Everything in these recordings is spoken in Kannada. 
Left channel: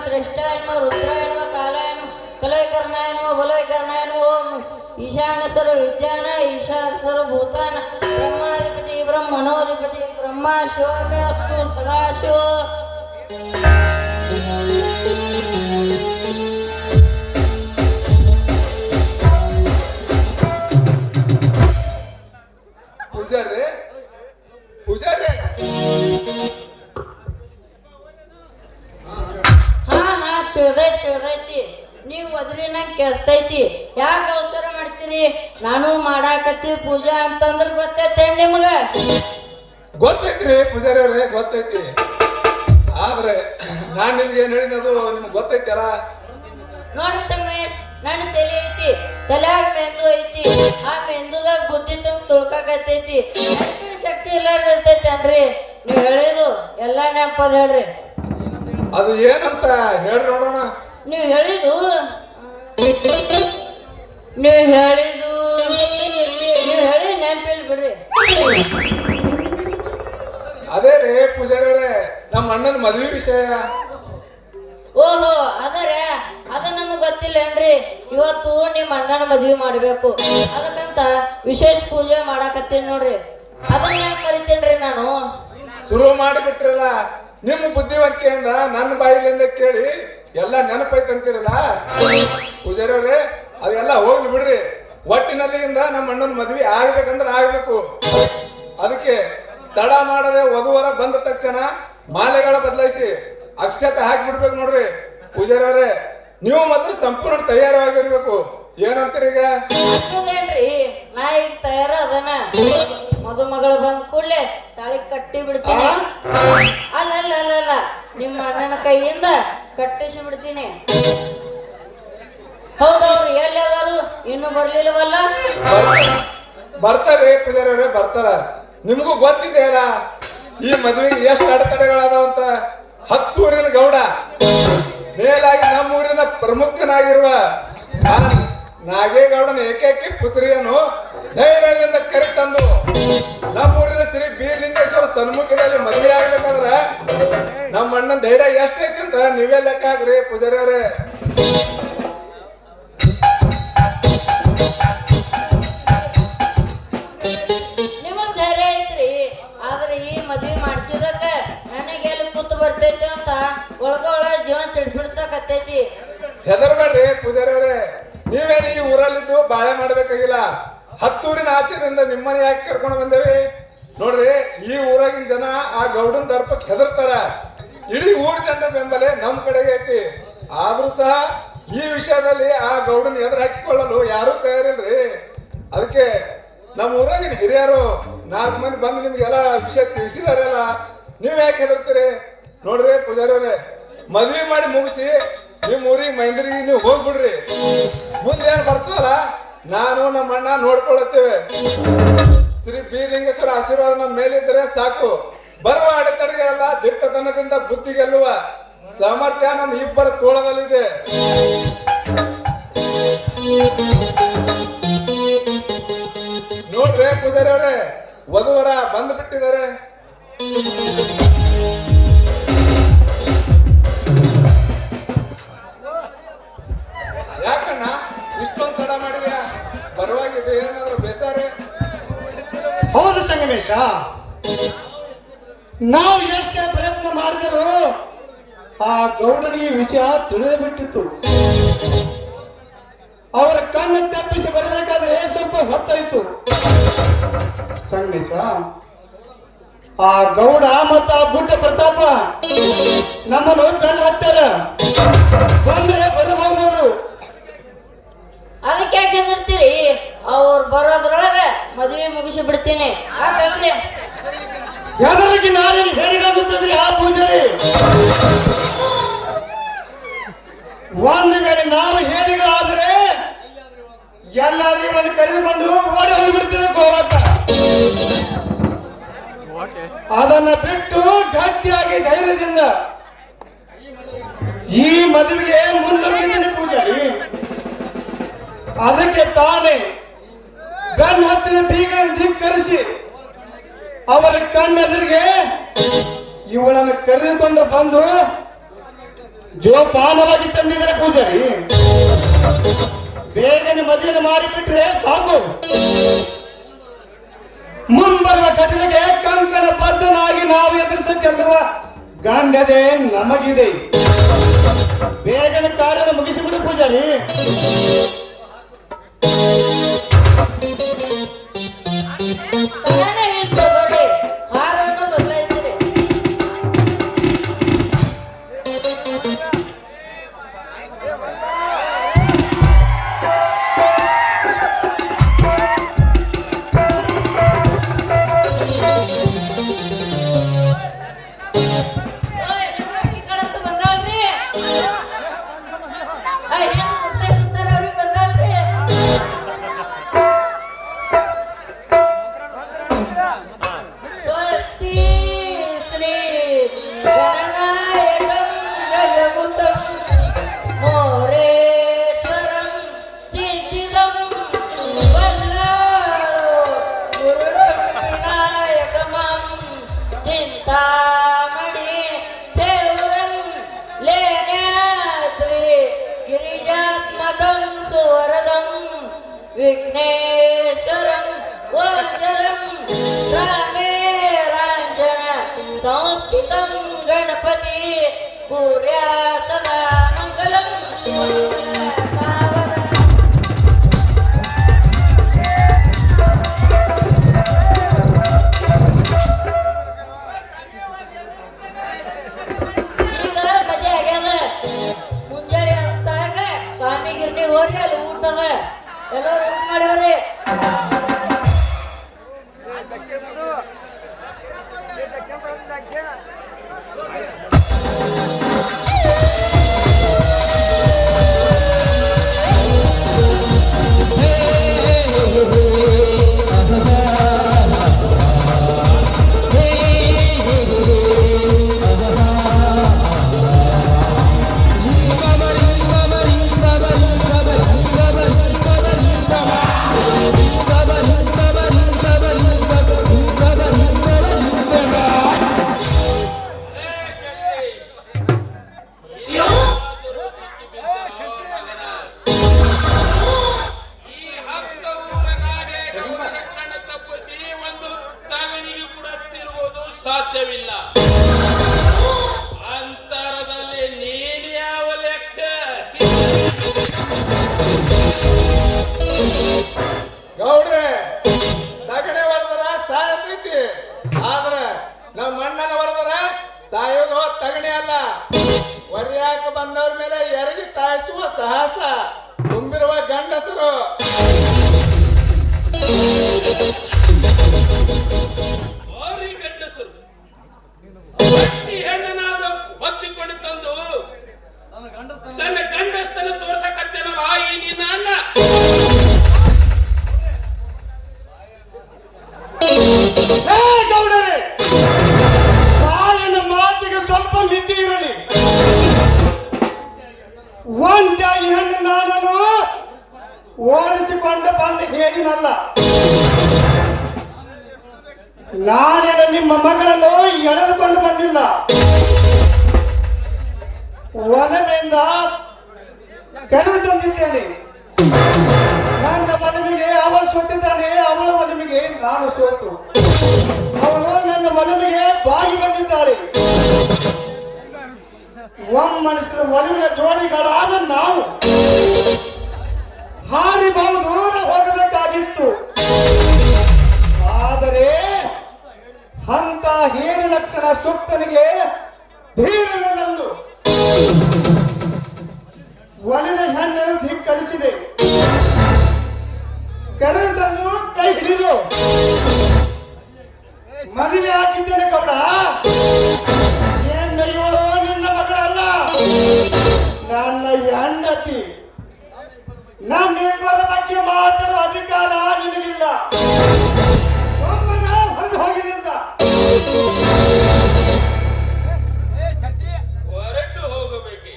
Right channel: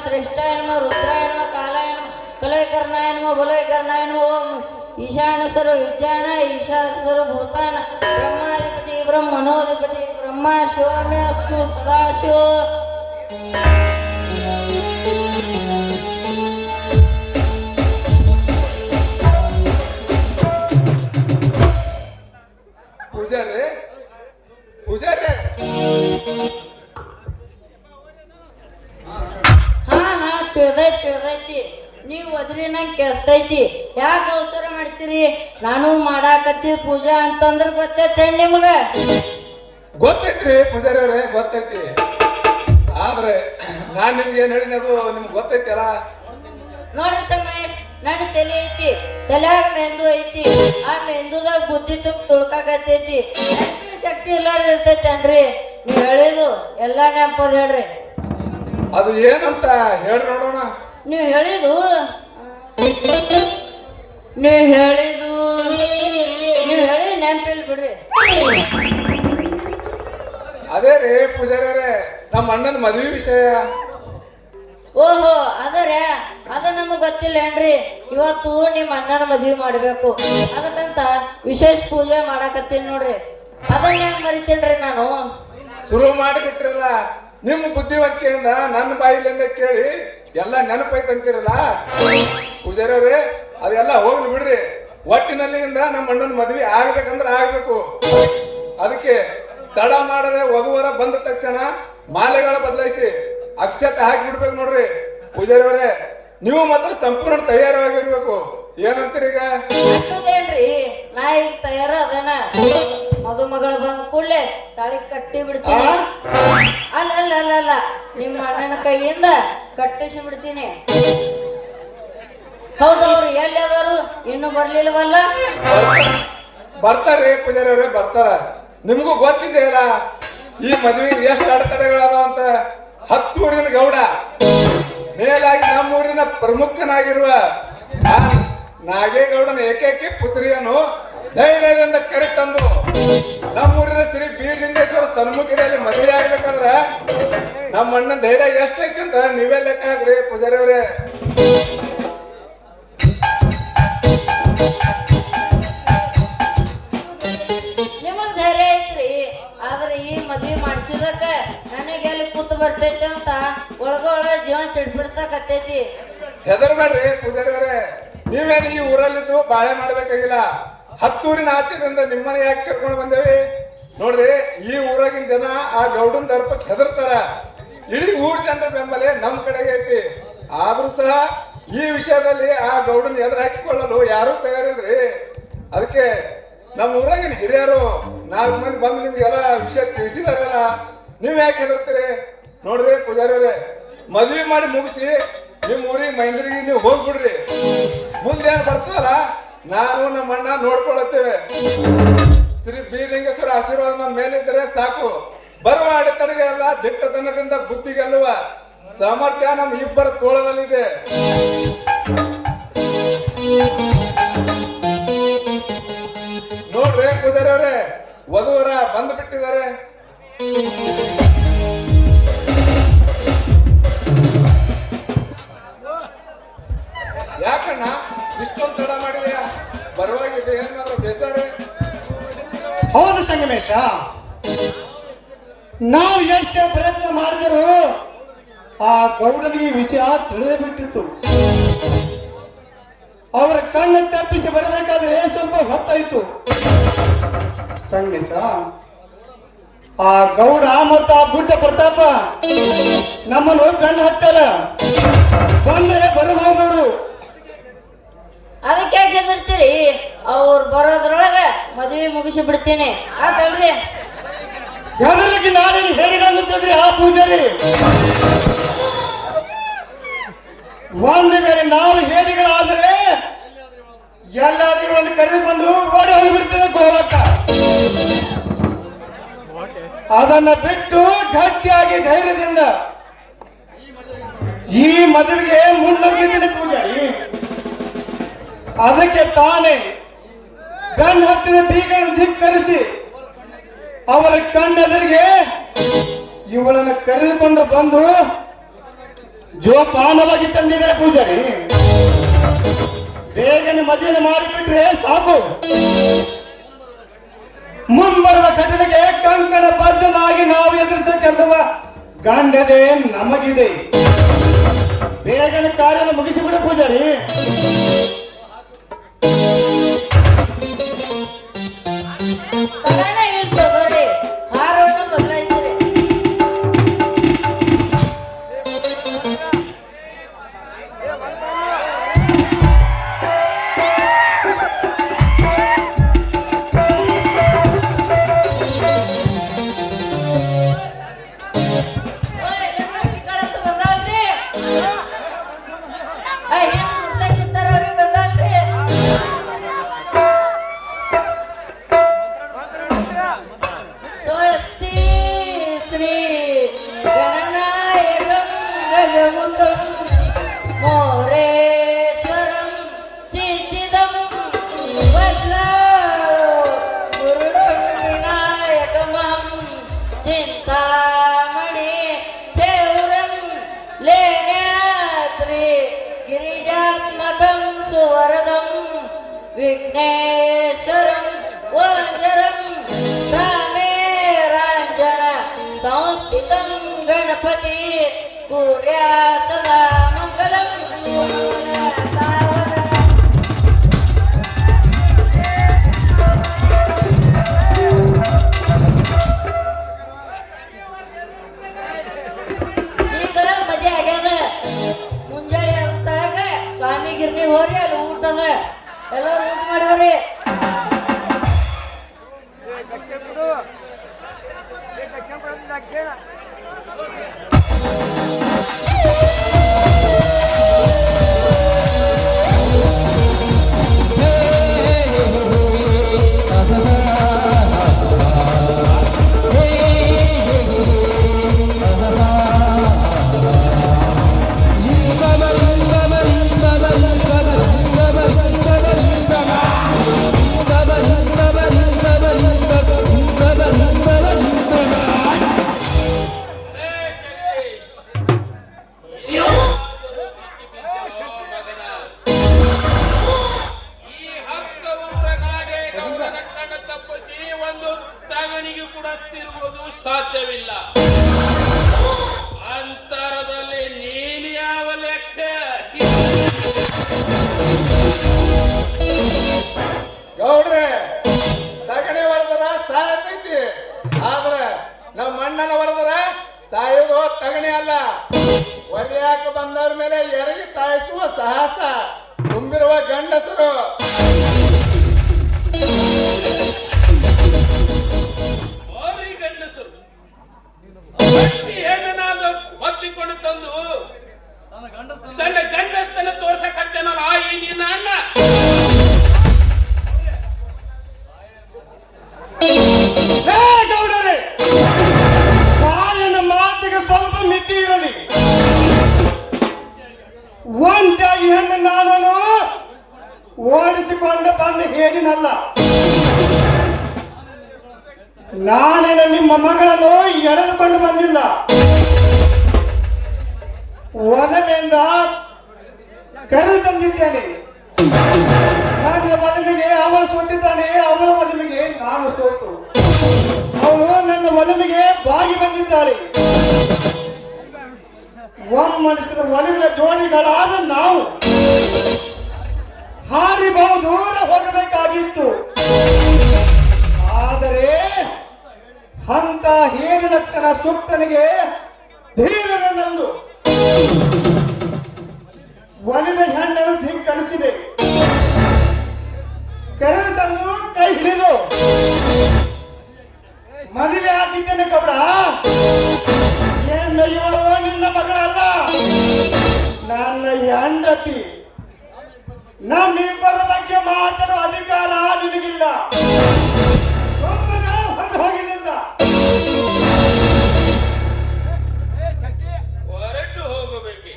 ಶ್ರೇಷ್ಠಾಯ ನಮಃ ರುದ್ರಾಯ ನಮಃ ಕಾಲಾಯ ನಮಃ ಕಲೈಕರ್ಣಾಯ ನಮಃ ಬಲೈಕರ್ಣಾಯ ನಮಃ ಓಂ ಈಶಾನ ಸರ್ವ ವಿದ್ಯಾನ ಈಶಾನ ಸರ್ವ ಭೂತಾನ ಬ್ರಹ್ಮಾಧಿಪತಿ ಬ್ರಹ್ಮಣೋಧಿಪತಿ ಬ್ರಹ್ಮ ಶಿವಮೇಸ್ತು ಸದಾಶಿವ. ಪೂಜಾರಿ ಪೂಜಾರಿ ತಿಳಿದೈತಿ ನೀವು ಅದ್ರಿ ನಂಗೆ ಕೆಸ್ತೈತಿ ಯಾಕೆ ಅವಸರ ಮಾಡ್ತೀರಿ? ನಾನು ಮಾಡಾಕತ್ತಿ ಪೂಜಾ ಅಂತಂದ್ರ ಗೊತ್ತೈತೆ ನಿಮಗ? ಗೊತ್ತೈತ್ರಿ ಪೂಜಾರಿ ಅವ್ರೆ, ಗೊತ್ತೈತಿ. ಆದ್ರೆ ನಾನ್ ನಿಮ್ಗೆ ಏನ್ ಹೇಳಿದದು ನಿಮ್ಗೆ ಗೊತ್ತೈತಲ್ಲ. ನೋಡ್ರಿ ಸಂಗಮೇಶ್, ನನ್ನ ತಲೆ ಐತಿ, ತಲ್ಯಾಗ ಮೆಂದು ಐತಿ, ಆ ಮೆಂದುದಾಗ ಬುದ್ಧಿ ತುಂಬ ತುಳ್ಕಾಕತ್ತೈತಿ, ಶಕ್ತಿ ಇಲ್ಲಾರ ಇರ್ತೈತೇನ್ರಿ? ನೀವ್ ಹೇಳಿದು ಎಲ್ಲಾ ನೆನಪದ ಹೇಳ್ರಿ. ಅದು ಏನಂತ ಹೇಳಿ ನೋಡೋಣ. ನೀವ್ ಹೇಳಿದು ಹೇಳಿ ನೆನಪಿಲ್ ಬಿಡ್ರಿ. ಅದೇ ರೀ ಪೂಜಾರಿ ಅವ್ರೆ, ನಮ್ಮ ಅಣ್ಣನ ಮದ್ವೆ ವಿಷಯ. ಓಹೋ, ಅದರೇ ಅದ ನಮಗ್ ಗೊತ್ತಿಲ್ಲ ಏನ್ರಿ? ಇವತ್ತು ನಿಮ್ಮ ಅಣ್ಣನ ಮದ್ವಿ ಮಾಡ್ಬೇಕು, ಅದಕ್ಕಂತ ವಿಶೇಷ ಪೂಜೆ ಮಾಡಾಕತ್ತೀನಿ ನೋಡ್ರಿ. ಅದನ್ನ ಹೆಂಗ್ ಮರಿತೀನ್ರಿ ನಾನು? ಶುರು ಮಾಡಿಬಿಟ್ರಲ್ಲ, ನಿಮ್ಮ ಬುದ್ಧಿವಂತಿಕೆಯಿಂದ ನನ್ನ ಬಾಯಿಲಿಂದ ಕೇಳಿ ಎಲ್ಲ ನೆನಪೈತಂತೀರಲ್ಲ ಪೂಜಾರಿ ಅವ್ರೆ. ಅದೆಲ್ಲ ಹೋಗ್ಲಿ ಬಿಡ್ರಿ. ಒಟ್ಟಿನಲ್ಲಿಂದ ನಮ್ಮ ಅಣ್ಣನ ಮದ್ವೆ ಆಗ್ಬೇಕಂದ್ರೆ ಆಗ್ಬೇಕು. ಅದಕ್ಕೆ ತಡ ಮಾಡದೆ ವಧುವರ ಬಂದ ತಕ್ಷಣ ಮಾಲೆಗಳ ಬದಲಾಯಿಸಿ ಅಕ್ಷತೆ ಹಾಕಿ ಬಿಡ್ಬೇಕು ನೋಡ್ರಿ ಪೂಜಾರಿ ಅವರೇ. ನೀವು ಮಾತ್ರ ಸಂಪೂರ್ಣ ತಯಾರಾಗಿರ್ಬೇಕು. ಏನಂತೀರಿ ಈಗ? ಏನ್ರಿ, ನಾ ಈಗ ತಯಾರ ಅದನ್ನ ಮದುಮಗಳು ಬಂದ ಕೂಡಲೇ ತಾಳಿ ಕಟ್ಟಿ ಬಿಡ್ತೀನಿ. ಅಲ್ಲ, ನಿಮ್ಮ ಅಣ್ಣನ ಕೈಯಿಂದ ಕಟ್ಟಿಸಿ ಬಿಡ್ತೀನಿ. ಹೌದಲ್ರಿ? ಎಲ್ಲಿ ಅದಾರು? ಇನ್ನು ಬರ್ಲಿಲ್ವಲ್ಲ? ಬರ್ತಾರ್ರಿ ಪೂಜಾರಿ ಅವರೇ, ಬರ್ತಾರ. ನಿಮಗೂ ಗೊತ್ತಿದೆಯಲ್ಲ ಈ ಮದುವೆಗೆ ಎಷ್ಟು ಅಡೆತಡೆಗಳಾದ ಅಂತ. 10 ಊರಿನ ಗೌಡ, ಮೇಲಾಗಿ ನಮ್ಮೂರಿನ ಪ್ರಮುಖನಾಗಿರುವ ನಾಗೇಗೌಡನ ಏಕೈಕ ಪುತ್ರಿಯನ್ನು ಧೈರ್ಯದಿಂದ ಕರೆತಂದು ನಮ್ಮೂರಿನ ಶ್ರೀ ಬೀರಲಿಂಗೇಶ್ವರ ಸನ್ಮುಖದಲ್ಲಿ ಮದುವೆ ಆಗ್ಬೇಕಂದ್ರ ನಮ್ಮ ಅಣ್ಣನ ಧೈರ್ಯ ಎಷ್ಟೈತಿ ಅಂತ ನೀವೇ ಲೆಕ್ಕ ಹಾಕ್ರಿ ಪೂಜಾರಿ ಅವರೇ. ನಿಮಗ್ ಧೈರ್ಯ ಐತ್ರಿ, ಆದ್ರೆ ಈ ಮದ್ವಿ ಮಾಡ್ಸಿದಕ್ಕ ನನಗೆಲ್ಲಿ ಕೂತು ಬರ್ತೈತಿ ಅಂತ ಒಳಗೊಳ ಜೀವನ ಚಿಡ್ಬಿಡ್ಸಕತ್ತೈತಿ. ಹೆದರ್ಬೇಡ್ರಿ ಪೂಜಾರಿ ಅವರೇ, ನೀವೇನು ಈ ಊರಲ್ಲಿದ್ದು ಬಾಳೆ ಮಾಡ್ಬೇಕಾಗಿಲ್ಲ. 10 ಊರಿನ ಆಚೆಯಿಂದ ನಿಮ್ಮನೆ ಯಾಕೆ ಕರ್ಕೊಂಡು ಬಂದೇವಿ ನೋಡ್ರಿ. ಈ ಊರಾಗಿನ ಜನ ಆ ಗೌಡನ್ ದರ್ಪಕ್ಕೆ ಹೆದರ್ತಾರ. ಇಡೀ ಊರ್ ಜನರ ಬೆಂಬಲ ನಮ್ ಕಡೆಗೆ ಐತಿ. ಆದ್ರೂ ಸಹ ಈ ವಿಷಯದಲ್ಲಿ ಆ ಗೌಡನ್ ಎದುರು ಹಾಕಿಕೊಳ್ಳಲು ಯಾರೂ ತಯಾರಿಲ್ರಿ. ಅದಕ್ಕೆ ನಮ್ಮ ಊರಾಗಿನ ಹಿರಿಯರು 4 ಮಂದಿ ಬಂದು ನಿಮ್ಗೆಲ್ಲ ವಿಷಯ ತಿಳಿಸಿದಾರಲ್ಲ, ನೀವ್ ಯಾಕೆ ಹೆದರ್ತೀರಿ? ನೋಡ್ರಿ ಪೂಜಾರಿ ಅವರೇ, ಮದ್ವೆ ಮಾಡಿ ಮುಗಿಸಿ ನಿಮ್ ಊರಿಗೆ ಮೈಂದ್ರಿಗೆ ನೀವು ಹೋಗ್ಬಿಡ್ರಿ. ಮುಂದೇನ್ ಬರ್ತಲ್ಲ ನಾನು ನಮ್ಮ ಅಣ್ಣ ನೋಡ್ಕೊಳತ್ತೇವೆ. ಶ್ರೀ ಬೀರಲಿಂಗೇಶ್ವರ ಆಶೀರ್ವಾದ ನಮ್ಮ ಮೇಲಿದ್ರೆ ಸಾಕು. ಬರುವ ಅಡೆತಡೆಗಳ ದಿಟ್ಟತನದಿಂದ ಬುದ್ಧಿ ಗೆಲ್ಲುವ ಸಾಮರ್ಥ್ಯ ನಮ್ಮ ಇಬ್ಬರ ತೋಳದಲ್ಲಿದೆ. ನೋಡ್ರಿ ಪೂಜಾರಿ ಅವರೇ, ವಧುವರ ಬಂದು ಬಿಟ್ಟಿದ್ದಾರೆ. ಯಾಕಣ್ಣ ಇಷ್ಟೊಂದು ತಡ ಮಾಡಿದ್ಯಾ? ಬರುವಾಗ ಏನಾದ್ರು ಬೇಸರ? ಹೌದು ಸಂಗಮೇಶ, ನಾವು ಎಷ್ಟೇ ಪ್ರಯತ್ನ ಮಾಡಿದ್ರು ಆ ಗೌಡನಿಗೆ ವಿಷಯ ತಿಳಿದೇ ಬಿಟ್ಟಿತ್ತು. ಅವರ ಕಣ್ಣು ತಪ್ಪಿಸಿ ಬರಬೇಕಾದ್ರೆ ಸ್ವಲ್ಪ ಹೊತ್ತಾಯ್ತು ಸಂಗಮೇಶ. ಆ ಗೌಡ ಮತ್ತು ಆ ಬುಡ್ಡ ಪ್ರತಾಪ ನಮ್ಮನ್ನು ಬೆನ್ನು ಹತ್ತಾರ. ಬಂದ್ರೆ ಬರಬಹುದವರು. ಅದಕ್ಕೆ ಯಾಕೆ ಹೆದರ್ತೀರಿ? ಅವ್ರು ಬರೋದ್ರೊಳಗ ಮದುವೆ ಮುಗಿಸಿ ಬಿಡ್ತೀನಿ ಆತಲ್ರಿ. ಎಲ್ಲರಿಗೆ ನಾನೇನು ಹೇಳಿದಂತಂದ್ರೆ ಆ ಪೂಜಾರಿ ಒಂದು ಬೇರೆ ನಾವು ಹೇಳಿಗಳಾದರೆ ಎಲ್ಲರಿಗೂ ಒಂದು ಕರೆ ಬಂದು ಓಡಿ ಹೋಗಿಬಿಡ್ತೇವೆ ಗೋರಕ್ಕ. ಅದನ್ನ ಬಿಟ್ಟು ಗಟ್ಟಿಯಾಗಿ ಧೈರ್ಯದಿಂದ ಈ ಮದುವೆಗೆ ಮುನ್ನಡೆದಿದ್ದೇನೆ ಪೂಜಾರಿ. ಅದಕ್ಕೆ ತಾನೇ ಬೆನ್ನ ಹತ್ತಿರ ಬೀಗನ್ನು ಧಿಕ್ಕರಿಸಿ ಅವರ ಕಣ್ಣೆದುರಿಗೆ ಇವಳನ್ನು ಕರೆದುಕೊಂಡು ಬಂದು ಜೋಪಾನವಾಗಿ ತಂದಿದ್ದಾರೆ ಪೂಜಾರಿ. ಬೇಗನೆ ಮದುವೆ ಮಾಡಿಬಿಟ್ರೆ ಸಾಕು. ಮುಂಬರುವ ಘಟನೆಗೆ ಕಂಕಣ ಬದ್ಧನಾಗಿ ನಾವು ಎದುರಿಸಕ್ಕೆಲ್ಲುವ ಗಂಡದೆ ನಮಗಿದೆ. ಬೇಗನೆ ಕಾರ್ಯ ಮುಗಿಸಿಬಿಡ ಪೂಜಾರಿ. ಕಾರಣ ಇಲ್ಲಿ ತಗೋರಿ, ಹಾರವನ್ನು ಬದಲಾಯಿಸಿರಿ. ಓಯ್, ಲಕ್ಷ್ಮಿಗಳಂತ ಬಂದವಲ್ರಿ? ಏನು ಮುಂದೆ ಕೂತಾರ ಅವ್ರಿಗೆ ಬಂದವಲ್ರಿ? ಸ್ವಸ್ತಿ ಶ್ರೀ ಗಣನಾಯಕಂ ಗಜಮುಖಂ ಮೋರೇಶ್ವರಂ ಸಿದ್ಧಿದಂ ವಲ್ಲಾಳೋ ಗುರುಂ ವಿನಾಯಕಮಂ ಚಿಂತಾಮಣಿ ದೇವರಂ ಲೇನ್ಯಾದ್ರಿ ಗಿರಿಜಾತ್ಮಕಂ ಸುವರದಂ ವಿಘ್ನೇಶ್ವರಂ ವಜ್ರಂ ರಾಂಜನ ಸಂಸ್ಥಿತಂ ಗಣಪತಿ ಪೂರ್ಯಾ ಸದಾ ಮಂಗಲಂ ಈಗ ಮದುವೆ ಆಗ್ಯಾವ. ಮುಂಜಾನೆ ಹೊತ್ತಾಗ ಸ್ವಾಮಿ ಗಿರ್ನಿ ಹೋರಿ ಅಲ್ಲಿ ಊಟದ ಎಲ್ಲರೂ ಊಟ ಮಾಡಿವ್ರಿ. ಈ 10 ಊರನಾಗೆ ಗೌಡನ ಕಣ್ಣು ತಪ್ಪಿಸಿ ಒಂದು ತಗಣಿಗೆ ಕೂಡ ತಿರುವುದು ಸಾಧ್ಯವಿಲ್ಲ. ಅಂತರದಲ್ಲಿ ನೀನು ಯಾವ ಲೆಕ್ಕ? ಗೌಡ್ರೆ, ತಗಣಿ ವರದರ ಸಾಯತೈತಿ, ಆದ್ರೆ ನಮ್ಮ ಅಣ್ಣನ ವರದರ ಸಾಯೋದು ತಗಣಿ ಅಲ್ಲ. ಮರ್ಯಾಕ ಬಂದವ್ರ ಮೇಲೆ ಎರಗಿ ಸಾಯಿಸುವ ಸಾಹಸ ತುಂಬಿರುವ ಗಂಡಸರು. ಭಾರಿ ಗಂಡಸರು ಭಕ್ತಿ ಹೆಣ್ಣನಾದ ಹೊತ್ತಿಕೊಂಡು ತಂದು ತನ್ನ ಗಂಡಸ್ತನ ತೋರ್ಸಕತ್ತೇನಲ್ಲ ಈ ನಿನ್ನ ಅಣ್ಣ. ಹೇ ಗೌಡರೇ, ಕಾಲಿನ ಮಾತಿಗೆ ಸ್ವಲ್ಪ ಮಿತಿ ಇರಲಿ. ಒಂದಾಗಿ ಹೆಣ್ಣು ನಾನನ್ನು ಓಡಿಸಿಕೊಂಡು ಬಂದು ಹೇಳಿನಲ್ಲ. ನಾನೇನು ನಿಮ್ಮ ಮಗಳನ್ನು ಎಳೆದುಕೊಂಡು ಬಂದಿಲ್ಲ. ಒಲಮೆಯಿಂದ ಕರೆದು ತಂದಿದ್ದೇನೆ. ನನ್ನ ಮನವಿಗೆ ಅವಳು ಸೋತಿದ್ದಾನೆ, ಅವಳ ಮನವಿಗೆ ನಾನು ಸೋತು. ಅವಳು ನನ್ನ ಮನವಿಗೆ ಬಾಗಿ ಬಂದಿದ್ದಾಳೆ. ಒಮ್ಮನಸಿದ ಒಲವಿನ ಜೋಡಿಗಳಾದ ನಾವು ಹಾರಿ ಬಹು ದೂರ ಹೋಗಬೇಕಾಗಿತ್ತು. ಆದರೆ ಅಂತ ಹೇಳಿ ಲಕ್ಷಣ ಸೂಕ್ತನಿಗೆ ಧೀರನಲ್ಲಂದು ಒಲಿದ ಹೆಣ್ಣನ್ನು ಧಿಕ್ಕರಿಸಿದೆ. ಕರೆದನ್ನು ಕೈ ಹಿಡಿದು ಮದುವೆ ಆಗಿದ್ದೇನೆ ಕಬಡ. ಏನು ಇವಳು ನಿನ್ನ ಮಗಳಲ್ಲ, ನನ್ನ ಹೆಂಡತಿ. ನಮ್ಮಿಬ್ಬರ ಬಗ್ಗೆ ಮಾತಾಡುವ ಅಧಿಕಾರ ನಿನಗಿಲ್ಲ. ಹೊರಗೆ ಹೋಗಿ ನಿಂತ. ಹೊರಟು ಹೋಗಬೇಕೆ?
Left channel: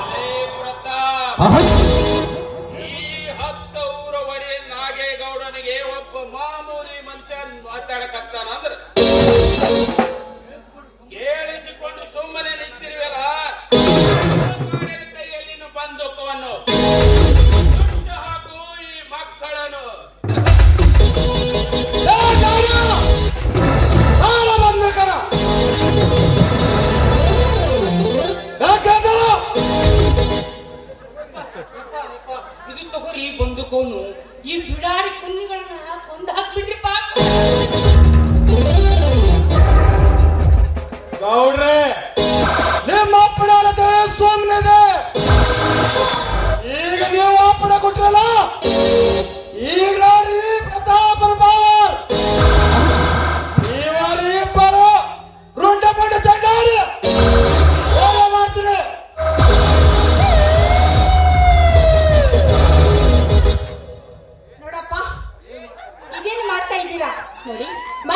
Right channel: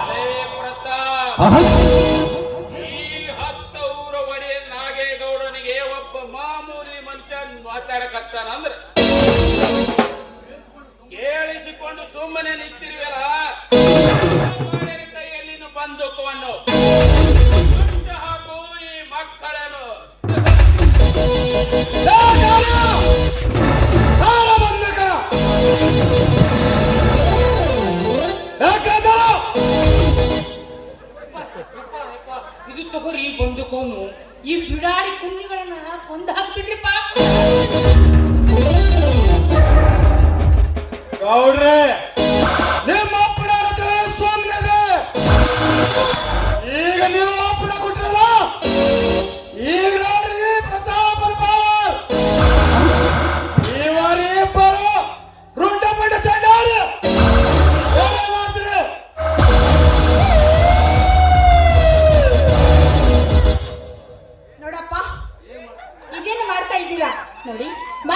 ಎಲೇ ಪ್ರತಾಪ್, ಈ 10 ಊರ ಒಡೆಯ ನಾಗೇಗೌಡನಿಗೆ ಒಬ್ಬ ಮಾಮೂಲಿ ಮನುಷ್ಯ ಮಾತಾಡಕತ್ತ.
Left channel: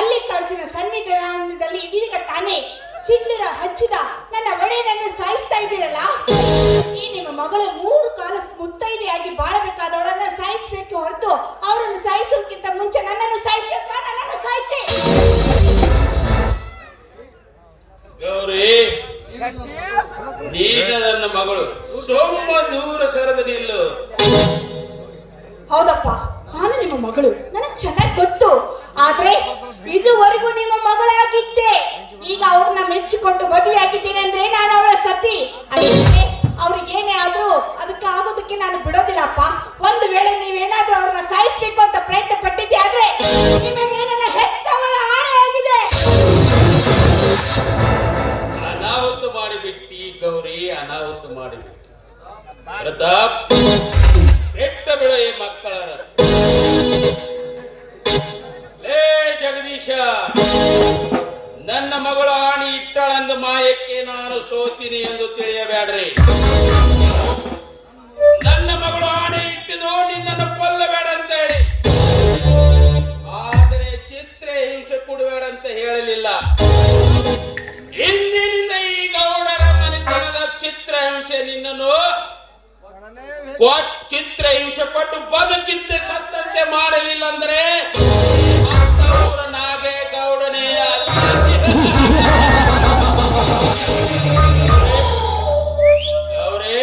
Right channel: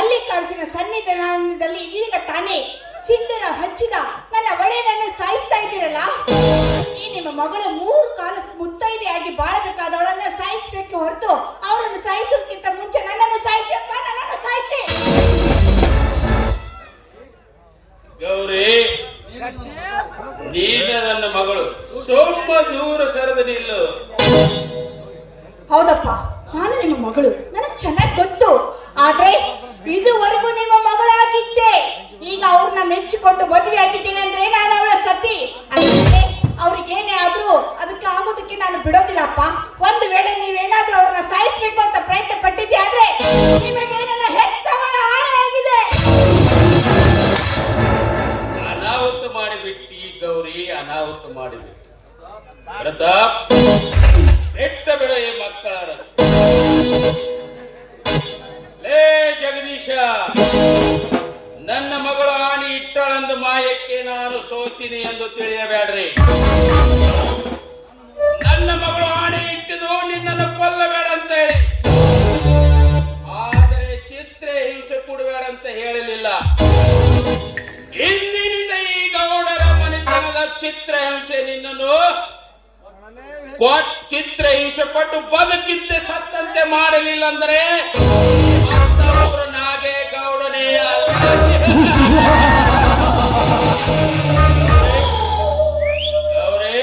ಮಲ್ಲಿಕಾರ್ಜುನ ಸನ್ನಿಧಾನದಲ್ಲಿ ಇದೀಗ ತಾನೇ ಸಿಂಧೂರ ಹಚ್ಚಿದ ನನ್ನ ಒಡೆಯನನ್ನು ಸಾಯಿಸ್ತಾ ಇದ್ದೀರಲ್ಲ. ಈ ನಿಮ್ಮ ಮಗಳು 3 ಕಾಲ ಮುತ್ತೈದೆಯಾಗಿ ಬಾಳಬೇಕಾದವಳನ್ನು ಸಾಯಿಸಬೇಕು ಹೊರತು ಅವರನ್ನು ಸಾಯಿಸುವುದಕ್ಕಿಂತ ಮುಂಚೆ ನನ್ನನ್ನು ಸಾಯಿಸಪ್ಪ, ನನ್ನನ್ನು ಸಾಯಿಸಿ. ಗೌರಿ, ನೀನು ನನ್ನ ಮಗಳು, ಸ್ವಲ್ಪ ದೂರ ಸರದ ನಿಲ್ಲು. ಹೌದಪ್ಪ, ನಾನು ನಿಮ್ಮ ಮಗಳು, ನನಗೆ ಚೆನ್ನಾಗಿ ಗೊತ್ತು. ಆದ್ರೆ ಇದುವರೆಗೂ ನಿಮ್ಮ ಮಗಳಾಗಿದ್ದೆ. ಈಗ ಅವ್ರನ್ನ ಮೆಚ್ಚಿಕೊಟ್ಟು ಮದುವೆ ಆಗಿದ್ದೀನಿ ಅಂದ್ರೆ ನಾನು ಅವಳ ಸತಿ. ಅಂದ್ರೆ ಅವ್ರಿಗೇನೇ ಆದ್ರೂ ಅದಕ್ಕೆ ಆಗೋದಕ್ಕೆ ನಾನು ಬಿಡೋದಿಲ್ಲಪ್ಪ. ಒಂದು ವೇಳೆ ನೀವೇನಾದ್ರೂ ಅವ್ರನ್ನ ಸಾಯಿಸ್ಬೇಕು ಅಂತ ಪ್ರಯತ್ನ ಪಟ್ಟಿದ್ದೆ ಆದ್ರೆ ನಿಮಗೆ ನನ್ನ ಹೆತ್ತವಳ ಆಣೆಯಾಗಿದೆ. ಅನಾಹುತ ಮಾಡಿಬಿಟ್ಟಿ ಗೌರಿ, ಅನಾಹುತ ಮಾಡಿಬಿಟ್ಟು. ಪ್ರತಾಪ್, ಬೆಟ್ಟ ಬೆಳೆಯ ಮಕ್ಕಳ ಲೇ ಜಗದೀಶ, ನನ್ನ ಮಗಳ ಆಣಿ ಇಟ್ಟಳಂದು ಮಾಯಕ್ಕೆ ನಾನು ಸೋತೀನಿ ಎಂದು ತಿಳಿಯಬೇಡ್ರಿ. ನನ್ನ ಮಗಳು ಆಣೆ ಇಟ್ಟಿದ್ದು ನಿನ್ನನ್ನು ಕೊಲ್ಲಬೇಡ ಅಂತ ಹೇಳಿ, ಆದರೆ ಚಿತ್ರ ಹಿಂಸೆ ಕೊಡಬೇಡ ಅಂತ ಹೇಳಲಿಲ್ಲ. ಇಂದಿನಿಂದ ಈ ಗೌಡರ ಮನೆತನದ ಚಿತ್ರ ಹಿಂಸೆ ನಿನ್ನನ್ನು ಚಿತ್ರ ಹಿಂಸೆ ಕೊಟ್ಟು ಬದುಕಿದ್ದೆ ಸತ್ತಂತೆ ಮಾಡಲಿಲ್ಲ ಅಂದ್ರೆ ಅವರು ನಾಗೇಗೌಡನೇ ಅಲ್ಲ. ಅವರೇ,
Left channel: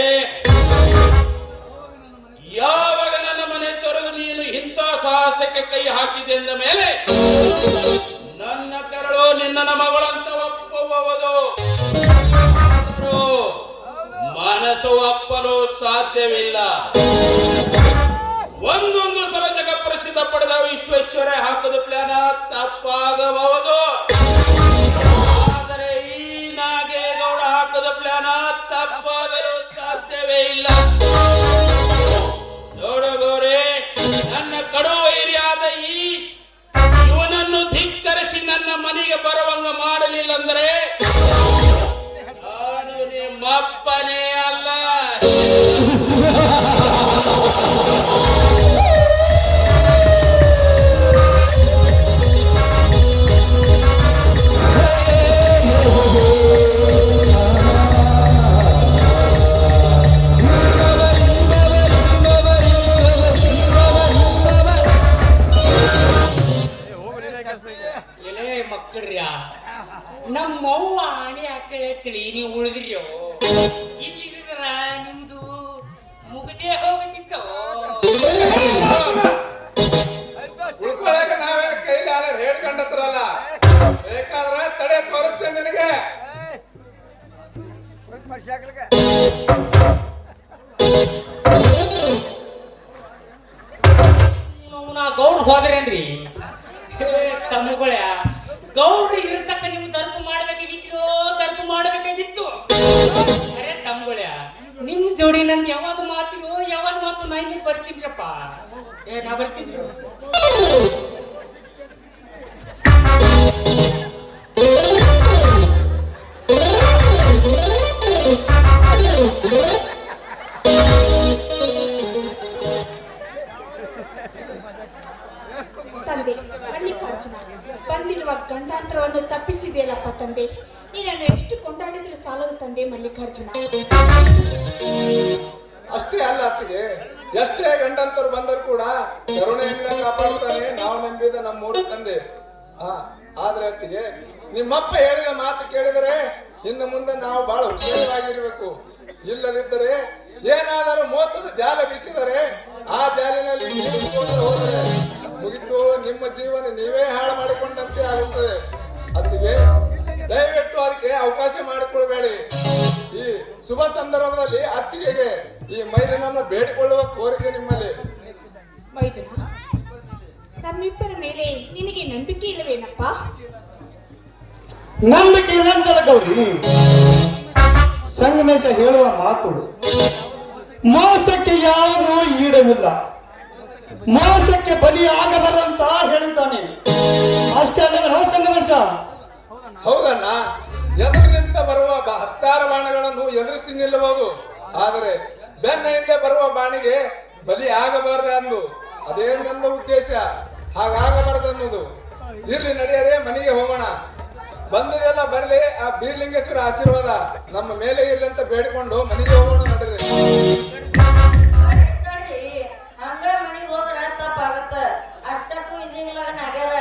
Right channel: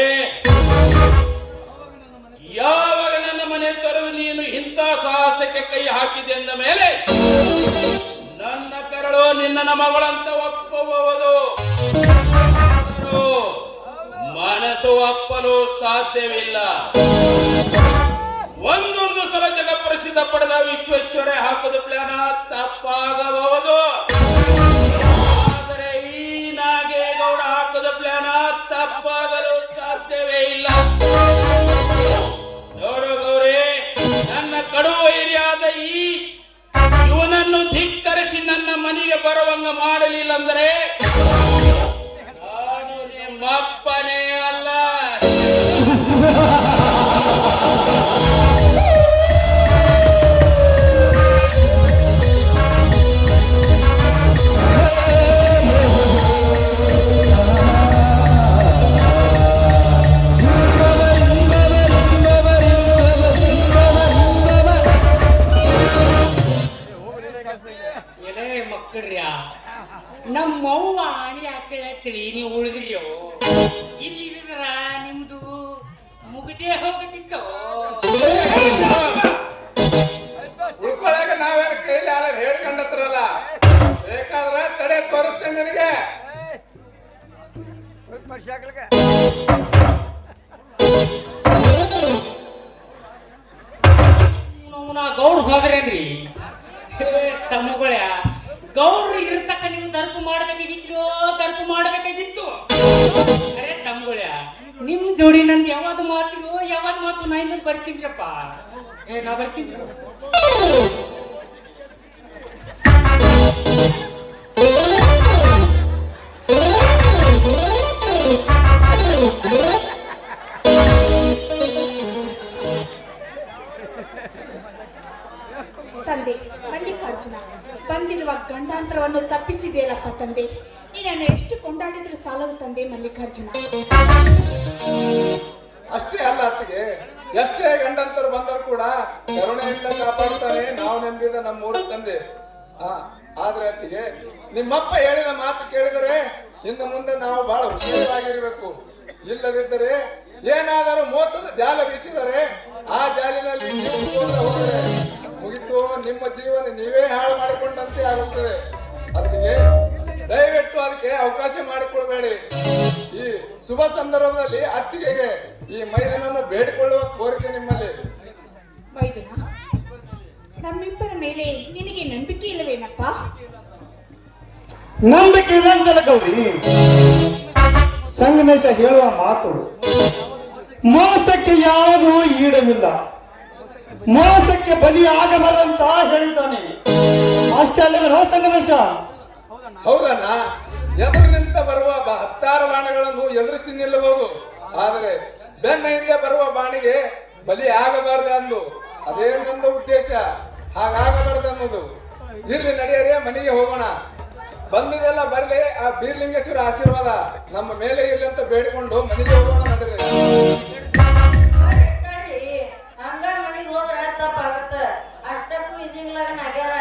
ಯಾವಾಗ ನನ್ನ ಮನೆ ತೊರೆದು ನೀನು ಇಂಥ ಸಾಹಸಕ್ಕೆ ಕೈ ಹಾಕಿದೆ ಎಂದ ಮೇಲೆ ನನ್ನ ಕರಳು ನಿನ್ನ ಮಗಳಂತ ಒಪ್ಪಬಹುದು, ಮನಸ್ಸು ಒಪ್ಪಲು ಸಾಧ್ಯವಿಲ್ಲ. ಒಂದೊಂದು ಸಲ ಜಗ ಪ್ರಸಿದ್ಧ ಪಡೆದ ವಿಶ್ವೇಶ್ವರೇ ಹಾಕುವುದು ಪ್ಲಾನ ತಪ್ಪಾಗಬಹುದು, ಆದರೆ ಈ ನಾಗೇಗೌಡ ಹಾಕುವುದು ಪ್ಲಾನ ತಪ್ಪಾಗಲು ಸಾಧ್ಯವೇ ಇಲ್ಲ. ನೋಡು ಗೌರಿ, ನನ್ನ ಕಡು ವೈರಿಯಾದ ಇವನನ್ನು ಧಿಕ್ಕರಿಸಿ ನನ್ನ ಮನೆಗೆ ಬರುವಂಗ ಮಾಡಲಿಲ್ಲ ಅಂದ್ರೆ ನಾನು ನಿಮ್ಮಪ್ಪನೇ ಅಲ್ಲ. ನಮ್ಮವ್ವ ಆಣೆ ಹಾಕಳ ತಿಳಿ ನೀವು ಉಳಿದ್ರಿಯೋ, ಇಲ್ಲಿ ನಿಮ್ದು ಮುಗದೆ ಹೋಗತಿತ್ತು. ಉಳ್ಕೊಳ್ಳಾಕ ನಾವೇನು ಕೈಲಿ ಅಲ್ಲ ಹೇಳ್ಕೊಂಡತ್ರಲ್ಲ, ಬೇಕಾದ್ರೆ ತಡೆ ತೋರಿಸ್ತೇನೆ ನನಗೆ. ನಾ ಗೌಡ್ ಹೋದ್ರೇನ್ರಿ ತಮ್ಮಗಳ ಗೌಡ್ರು ಇರ್ತಕ್ಕ ನೀವು ದರ್ಪ ಮಾಡ್ಬೇಕಾಗಿತ್ತು, ದರ್ಪ ಮಾಡ್ಬೇಕಾಗಿತ್ತು. ಅರೆ ತಮ್ಮಗಳ, ನಿಮ್ ಜೋಡಿ ನಂದು ಯಾವಾಗ ಮಾತಿರು, ಯಾವಾಗ ಮಾತು ನಾ ಇನ್ನು ಬರ್ತೀನ್ರಪ್ಪ. ನಾ ಬರ್ತೀನಿ. ತಂದೆ ಮಲ್ಲಿಕಾರ್ಜುನ, ಬಂದಿರುವ ಗಂಡಾಂತರವನ್ನು ತಪ್ಪಿಸಿದೆಯಲ್ಲಪ್ಪ ತಂದೆ. ನೀನನ್ನು ಎಷ್ಟು ಕೊಂಡಾಡಿದ್ರು ಸಾಲದು ತಂದೆ ಮಲ್ಲಿಕಾರ್ಜುನ. ಅಷ್ಟೇ ಅಲ್ಲ ಅತ್ತಿಗೆ, ಎಷ್ಟೇ ಗಂಡಂತರು ಬಂದರೂ ಕೂಡ ಕರುಣೆಯಿಂದ ಕಾಪಾಡ್ತಾನೆ ನಾವು ನಂಬಿದ ನಮ್ಮೂರು ತಂದೆ. ಆದ್ರೆ ಅತ್ತಿಗೆ, ನಿಮ್ಮಪ್ಪ ಹೇಳಿದ ಮಾತು ಕೇಳಿದರೆ ಇನ್ನು ಮುಂದೆ ನಾವು ಬಹಳ ಹುಷಾರಾಗಿರ್ಬೇಕು. ಇಲ್ಲದಿದ್ದರೆ ಏನಾದರೂ ಮೋಸದ ಜಾಲ ಬೀಸಿದರೆ ಆ ಜಾಲಿನಲ್ಲಿ ಹೋದರೆ ಮುಗಿತು, ನಿಮ್ಮ ಜೀವನ ನೀವೇ ಹಾಳು ಮಾಡಿಕೊಂಡಂತೆ ಆಗುತ್ತದೆ. ಅದಕ್ಕೆ ದಯವಿಟ್ಟು ಅದಕ್ಕೆ ಅವಕಾಶ ಮಾಡಿಕೊಳ್ಬೇಡಿ. ಈ ಶುಭ ಸಂದರ್ಭದಲ್ಲಿ ಅತ್ತಿಗೆಗೆ ಈ ಮೈದನನ್ನು ಬೇಡಿಕೊಳ್ಳುವ ಕೋರಿಕೆ ನಿಮ್ಮಲ್ಲಿ. ಮೈದನ, ನಮ್ಮಿಬ್ಬರ ಮೇಲೆ ನಿನಗೆ ನಂಬಿಕೆ ಇಲ್ಲವೇನಪ್ಪ? ನಂಬಿಕೆ ಇಲ್ಲಂತಲ್ಲ ಗೌರಿ, ಸಂಗಮೇಶ ಹೇಳುವ ಮಾತು ಮೋಸಕ್ಕೆ ಯಾವುದೂ ಈಡವಿಲ್ಲ, ಮೋಸಕ್ಕೆ ಬಲಿಯಾಗಬಾರಂತ ಹೇಳ್ತಾನೆ. ಅಷ್ಟೇ ಅಲ್ಲ ಸಂಗಮೇಶ? ಹೌದಣ್ಣ, ಎದುರಿನಿಂದ ಬರುವ ಹತ್ತಾರು ಬಾಣಗಳನ್ನು ಎದುರಿಸಿ ನಿಲ್ಲಬಹುದು, ಆದರೆ ಬೆನ್ನ ಹಿಂದೆ ಬರುವ ಬಾಣಿಗೆ ಬಲಿ ಆಗಬಾರ್ದು ಅಂದು ಅದೇ ನನ್ನ ಉದ್ದೇಶ. ಹಾಗಾಗಬಾರ್ದು ಅನ್ನೋದು. ಇರ್ಲಿ ನಡಿಯರೇ, ಮನೆಗೆ ಹೋಗೋಣ. ಬಂದದೆಲ್ಲ ಬರ್ಲಿ, ಆ ಬೀರ್ಲಿಂಗೇಶ್ವರ ಆಶೀರ್ವಾದ ನಮ್ಮ ಮೇಲೆ ಇರ್ಲಿ ಅಂತ ಬೇಡಿಕೊಂಡು ಮನೆಗೆ ಹೋಗೋಣ ನಡೀರಿ. ತಡ್ರಿ, ಹಂಗ ಮನಿಗ್ ಹೋದ್ರ ತಪ್ಪಾಗತ್ತ. ಅಷ್ಟಕ್ಕೂ ಇದಿಂಗ್ಲಾಗ ನಗ್ಯಾರ.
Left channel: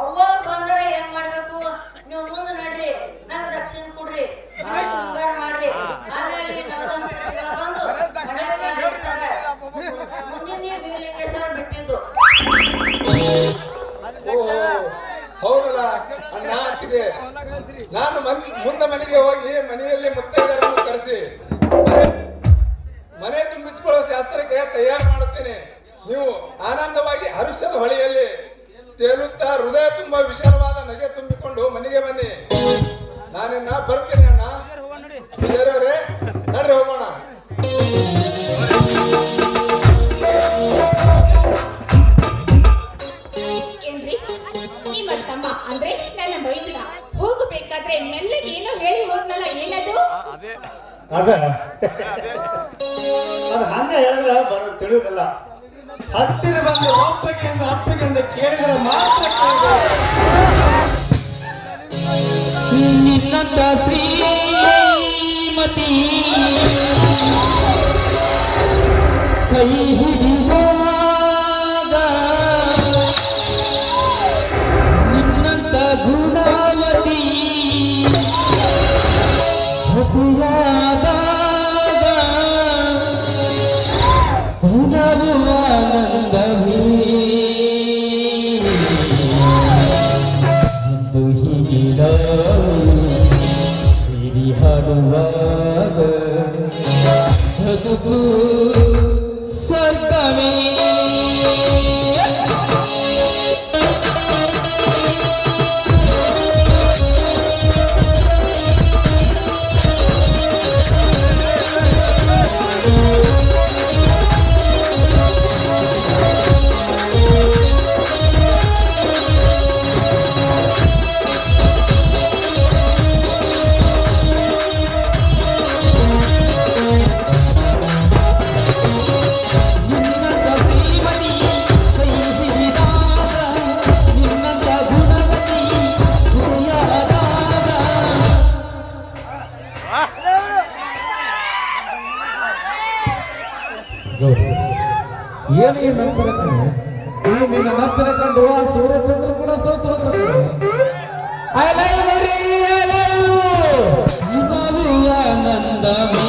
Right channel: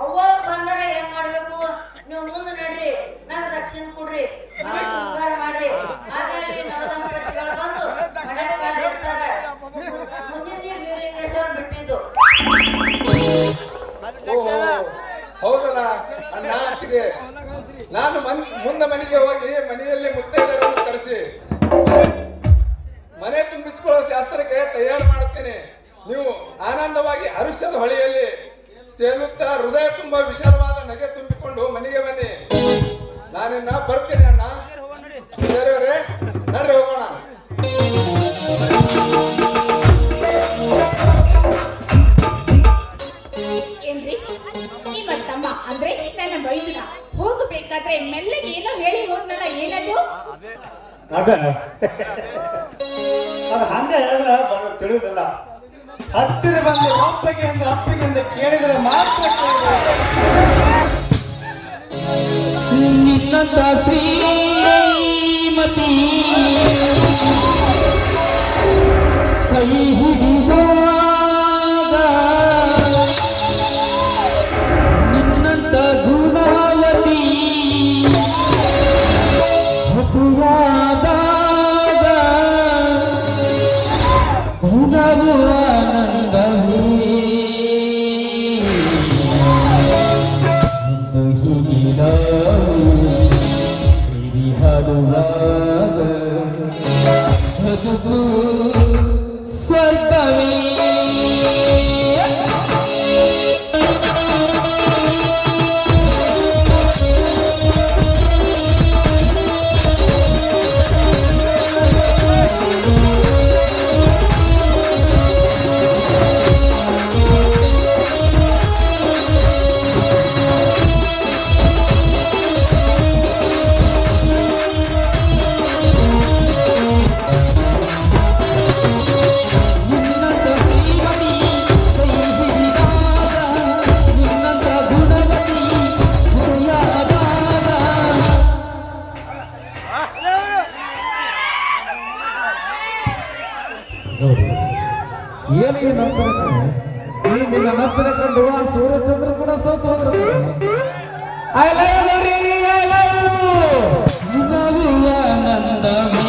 ಅವ್ವ ಬಂದರ ಏನ್ ಮಾಡ್ಬೇಕು? ನೀವು ಮುಂದೆ ನಡ್ರಿ, ನಂಗೆ ದಕ್ಷಿಣ ಕೊಡ್ರಿ, ಮನೆ ಶೃಂಗಾರ ಮಾಡ್ರಿ. ಆಮೇಲೆ ನವದಂಪತಿಗಳು ಬಂದು ಮನೆ ಕಾಲ ಇಡ್ತಾರ. ಮುಂದಿನ ಬೀರ್ಲಿಂಗೇಶ್ವರ ಬಿಟ್ಟಿದ್ದು. ಹೌದಲ್ಲ, ಅಣ್ಣ ಆಗ್ತಿದೆ. ನಾನು ಮುಂದೆ ಮನೆಗೆ ಹೋಗಿ ಮನೆಯಲ್ಲಿ ಮುತ್ತೈದೆಯರನ್ನು ಕರೆಸಿ ಮನೆ ತುಂಬಿಸಿಕೊಳ್ಳುವ ಶಾಸ್ತ್ರಕ್ಕೆ ತಯಾರು ಮಾಡುತ್ತೇನೆ. ನೀವು ಆನಂದವಾಗಿ ಹರುಷದ ಹೊಳೆಯಲ್ಲಿ ತೇಲುತ್ತಾ ಹೃದಯ ತುಂಬಾ ವಿಶಾಲವಾದ ನಗೆ ತುಂಬಿಕೊಂಡು ಮನೆಗೆ ಬನ್ನಿ. ನಾನಿನ್ನ ಬರ್ತೀನಿ ಅಣ್ಣ. ಬೇರೆಯವರೇ ನಡ್ರಿ ಹೋಗೋಣ. ಏನ್ರಿ ನಿಮ್ಮ ತಮ್ಮ ಅಂದ್ರೆ ನನ್ನ ಮೈದುನ ಹೋಗಬೇಕಾದ್ರೆ ಮೆಲ್ಲಗೆ ಏನೋ ಹೇಳಿ ಹೋದ್ನಲ್ಲ, ಏನದು? ಅದ ಅದು ಹಂಗ ಹೇಳಿದ್ರ ಬರೋ ತಿಳಿಯುವುದಿಲ್ಲ. ಹತ್ತಿರ ಬಂದು ಒಪ್ಪಗೆ ಅಂತ ಕೇಳಿದ್ರೆ ಮಾತ್ರ ನಿನ್ನಂತ ಶ್ರೀಮತಿ ಕೈ ಹಿಡಿದಾಗ ನಿನ್ನಂತ ಗುಣವತಿ ಜೊತೆಯಾದಾಗ ಗುಣವು ಆನಂದವೇ ಸ್ವರ್ಗವೇ. ಏನು ಈ ನಪ್ಪರಕ್ಕೆ ನಿನ್ನ ನಪ್ಪರ ಕಂಡು ಆ ಸೂರ್ಯಚಂದ್ರ ಕೂಡ ಸೋತು ಹೋಗಿರ್ತಾರೆ. I love you, I love you. ಆನಂದವೇ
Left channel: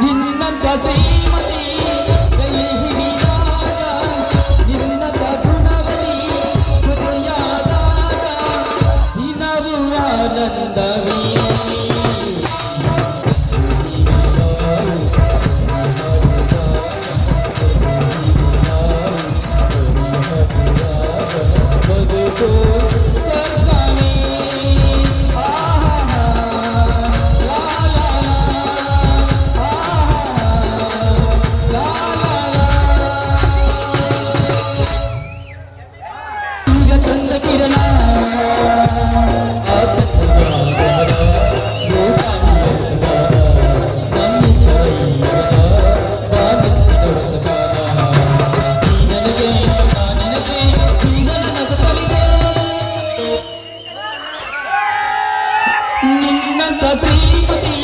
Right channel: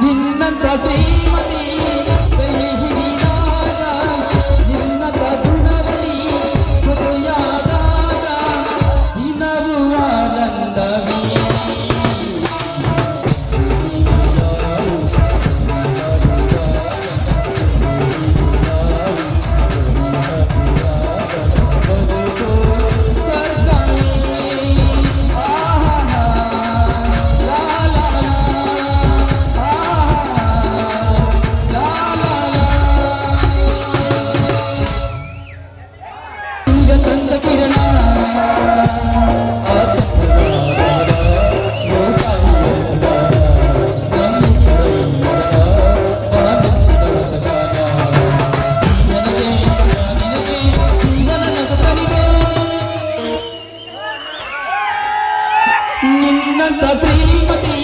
ನಿನ್ನಂತ ಶ್ರೀಮತಿ ಕೈ ಹಿಡಿದಾಗ ನಿನ್ನಂತ ಗುಣವತಿ ಜೊತೆಯಾದಾಗ ದಿನವೂ ಆನಂದವೇ ಬದುಕು ಸ್ವರ್ಗವೇ. ಈಗ ತಂದ ಕಿರಣ ಆ ನಿನ್ನಂತ ಶ್ರೀಮತಿ